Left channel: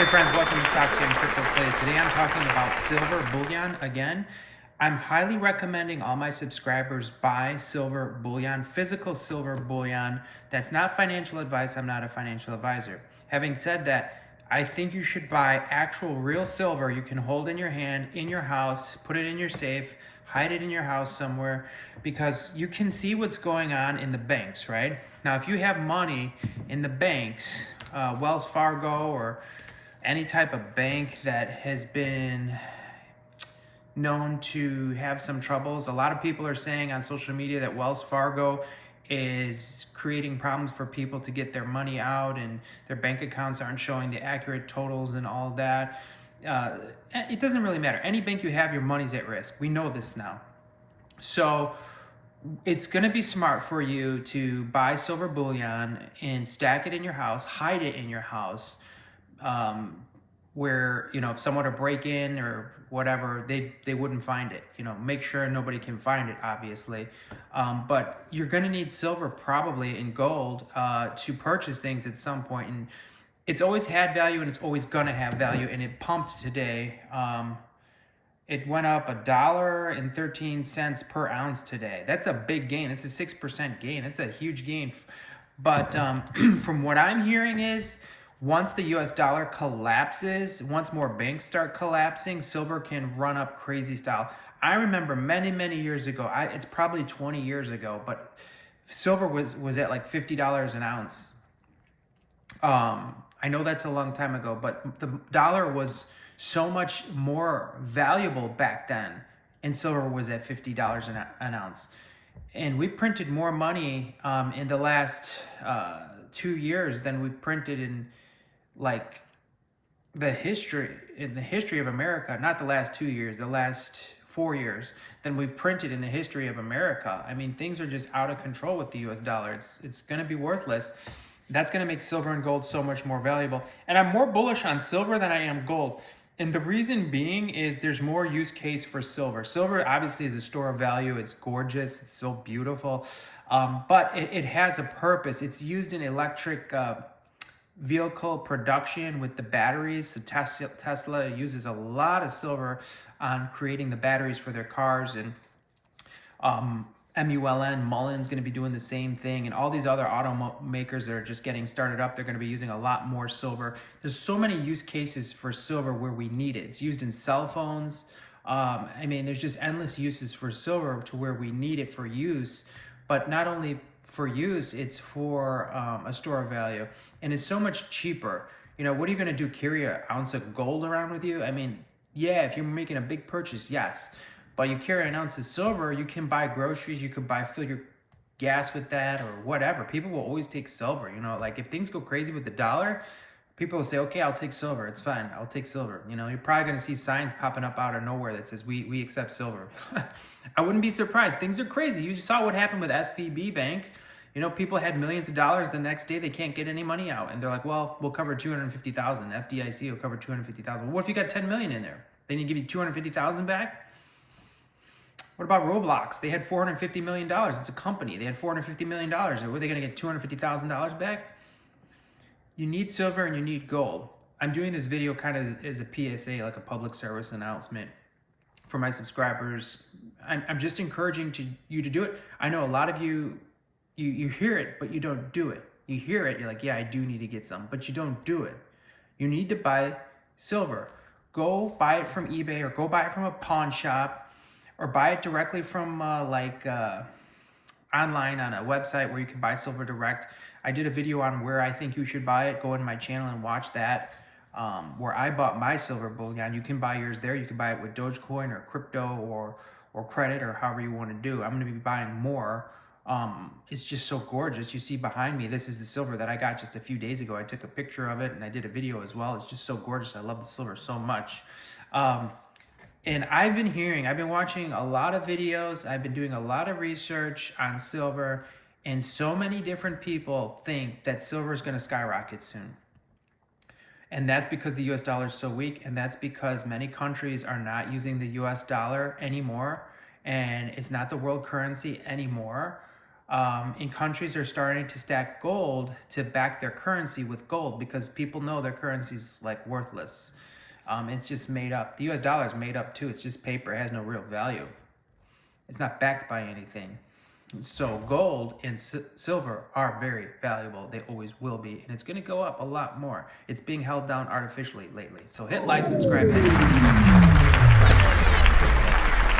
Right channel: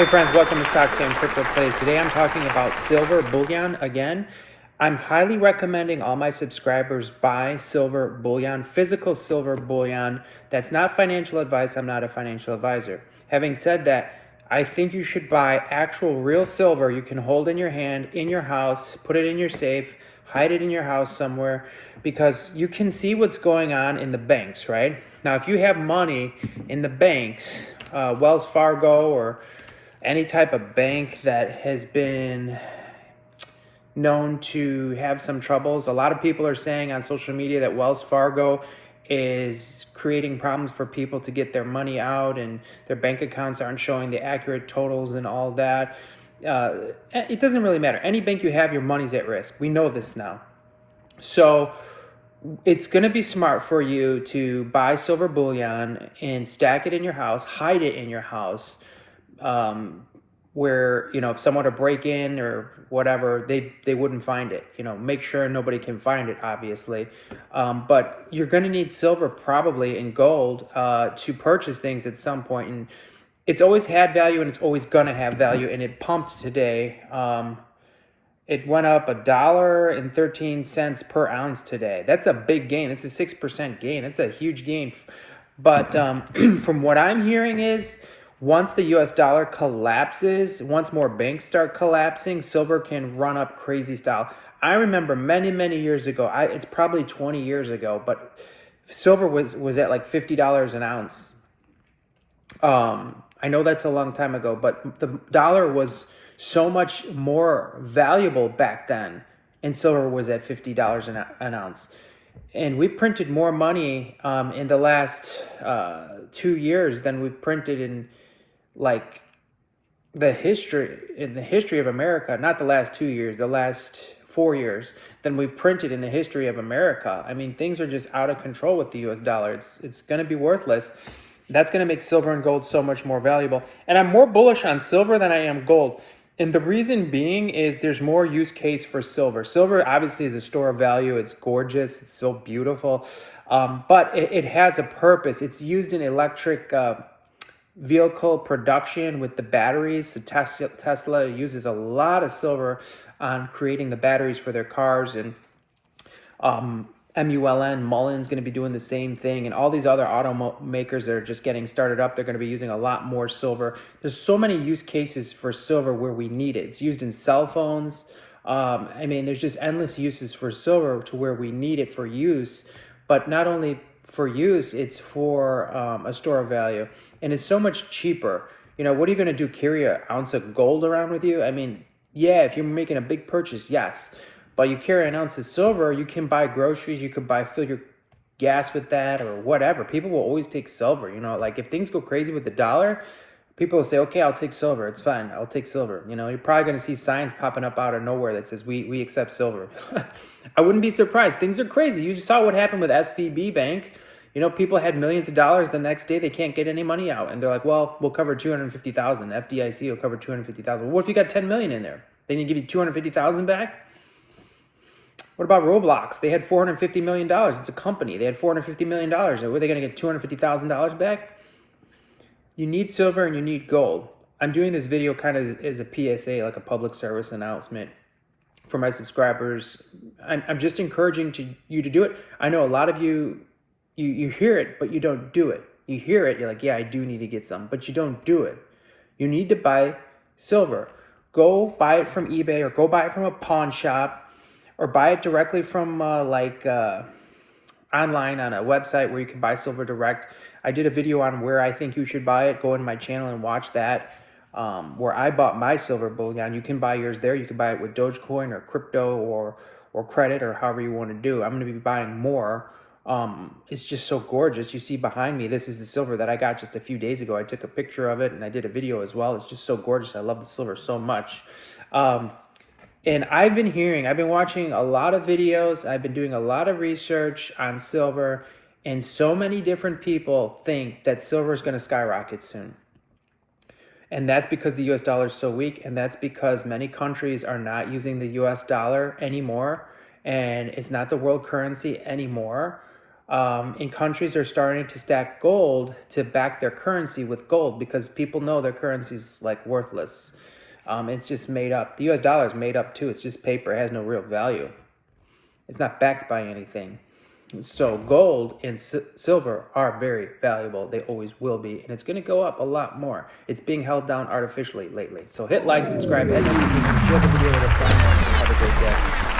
Hey friends, welcome to Stocks and Crypto Plays. Today I'm talking about silver bullion again. I'm highly recommending all my subscribers buy silver bullion, physical silver bullion. That's not financial advice. I'm not a financial advisor. Having said that, I think you should buy actual real silver you can hold in your hand, in your house, put it in your safe, hide it in your house somewhere, because you can see what's going on in the banks, right? Now, if you have money in the banks, Wells Fargo or any type of bank that has been known to have some troubles. A lot of people are saying on social media that Wells Fargo is creating problems for people to get their money out and their bank accounts aren't showing the accurate totals and all that. It doesn't really matter. Any bank you have, your money's at risk. We know this now. So it's going to be smart for you to buy silver bullion and stack it in your house, hide it in your house, where, if someone to break in or whatever, they wouldn't find it. Make sure nobody can find it, obviously. But you're going to need silver probably and gold to purchase things at some point. And it's always had value and it's always going to have value. And it pumped today. It went up $1.13 per ounce today. That's a big gain. That's a 6% gain. That's a huge gain. But from what I'm hearing is, once the US dollar collapses, once more banks start collapsing, silver can run up crazy style. I remember many, many years ago, it's probably 20 years ago, but silver was at like $50 an ounce. I know that's a long time ago, but the dollar was so much more valuable back then, and silver was at $50 an ounce. And we've printed more money in the last 2 years than we've printed in the history of America, not the last 2 years, the last 4 years, than we've printed in the history of America. I mean, things are just out of control with the US dollar. It's going to be worthless. That's going to make silver and gold so much more valuable. And I'm more bullish on silver than I am gold. And the reason being is there's more use case for silver. Silver obviously is a store of value. It's gorgeous. It's so beautiful. But it has a purpose. It's used in electric vehicle production with the batteries. So Tesla uses a lot of silver on creating the batteries for their cars, and Mullen's going to be doing the same thing, and all these other automakers that are just getting started up, they're going to be using a lot more silver. There's so many use cases for silver where we need it. It's used in cell phones. There's just endless uses for silver to where we need it for use, but not only for use, it's for a store of value. And it's so much cheaper. What are you going to do? Carry an ounce of gold around with you? Yeah, if you're making a big purchase, yes. But you carry an ounce of silver, you can buy groceries, you could fill your gas with that or whatever. People will always take silver. If things go crazy with the dollar, people will say, okay, I'll take silver. It's fine. I'll take silver. You're probably going to see signs popping up out of nowhere that says, we accept silver. I wouldn't be surprised. Things are crazy. You just saw what happened with SVB Bank. People had millions of dollars. The next day, they can't get any money out. And they're like, well, we'll cover $250,000. FDIC will cover $250,000. Well, what if you got $10 million in there? They need to give you $250,000 back? What about Roblox? They had $450 million. It's a company. They had $450 million. Were they going to get $250,000 back? You need silver and you need gold. I'm doing this video kind of as a PSA, like a public service announcement for my subscribers. I'm just encouraging you to do it. I know a lot of you hear it, but you don't do it. You hear it, you're like, yeah, I do need to get some, but you don't do it. You need to buy silver. Go buy it from eBay or go buy it from a pawn shop or buy it directly from online on a website where you can buy silver direct. I did a video on where I think you should buy it. Go in my channel and watch that. Where I bought my silver bullion. You can buy yours there. You can buy it with Dogecoin or crypto or credit or however you want to do. I'm going to be buying more. It's just so gorgeous. You see behind me, this is the silver that I got just a few days ago. I took a picture of it and I did a video as well. It's just so gorgeous. I love the silver so much. And I've been watching a lot of videos. I've been doing a lot of research on silver, and so many different people think that silver is going to skyrocket soon. And that's because the US dollar is so weak, and that's because many countries are not using the US dollar anymore, and it's not the world currency anymore. In countries are starting to stack gold to back their currency with gold because people know their currency's like worthless. It's just made up. The US dollar is made up too. It's just paper. It has no real value. It's not backed by anything. So gold and silver are very valuable. They always will be. And it's going to go up a lot more. It's being held down artificially lately. So hit like, subscribe. Have a great day.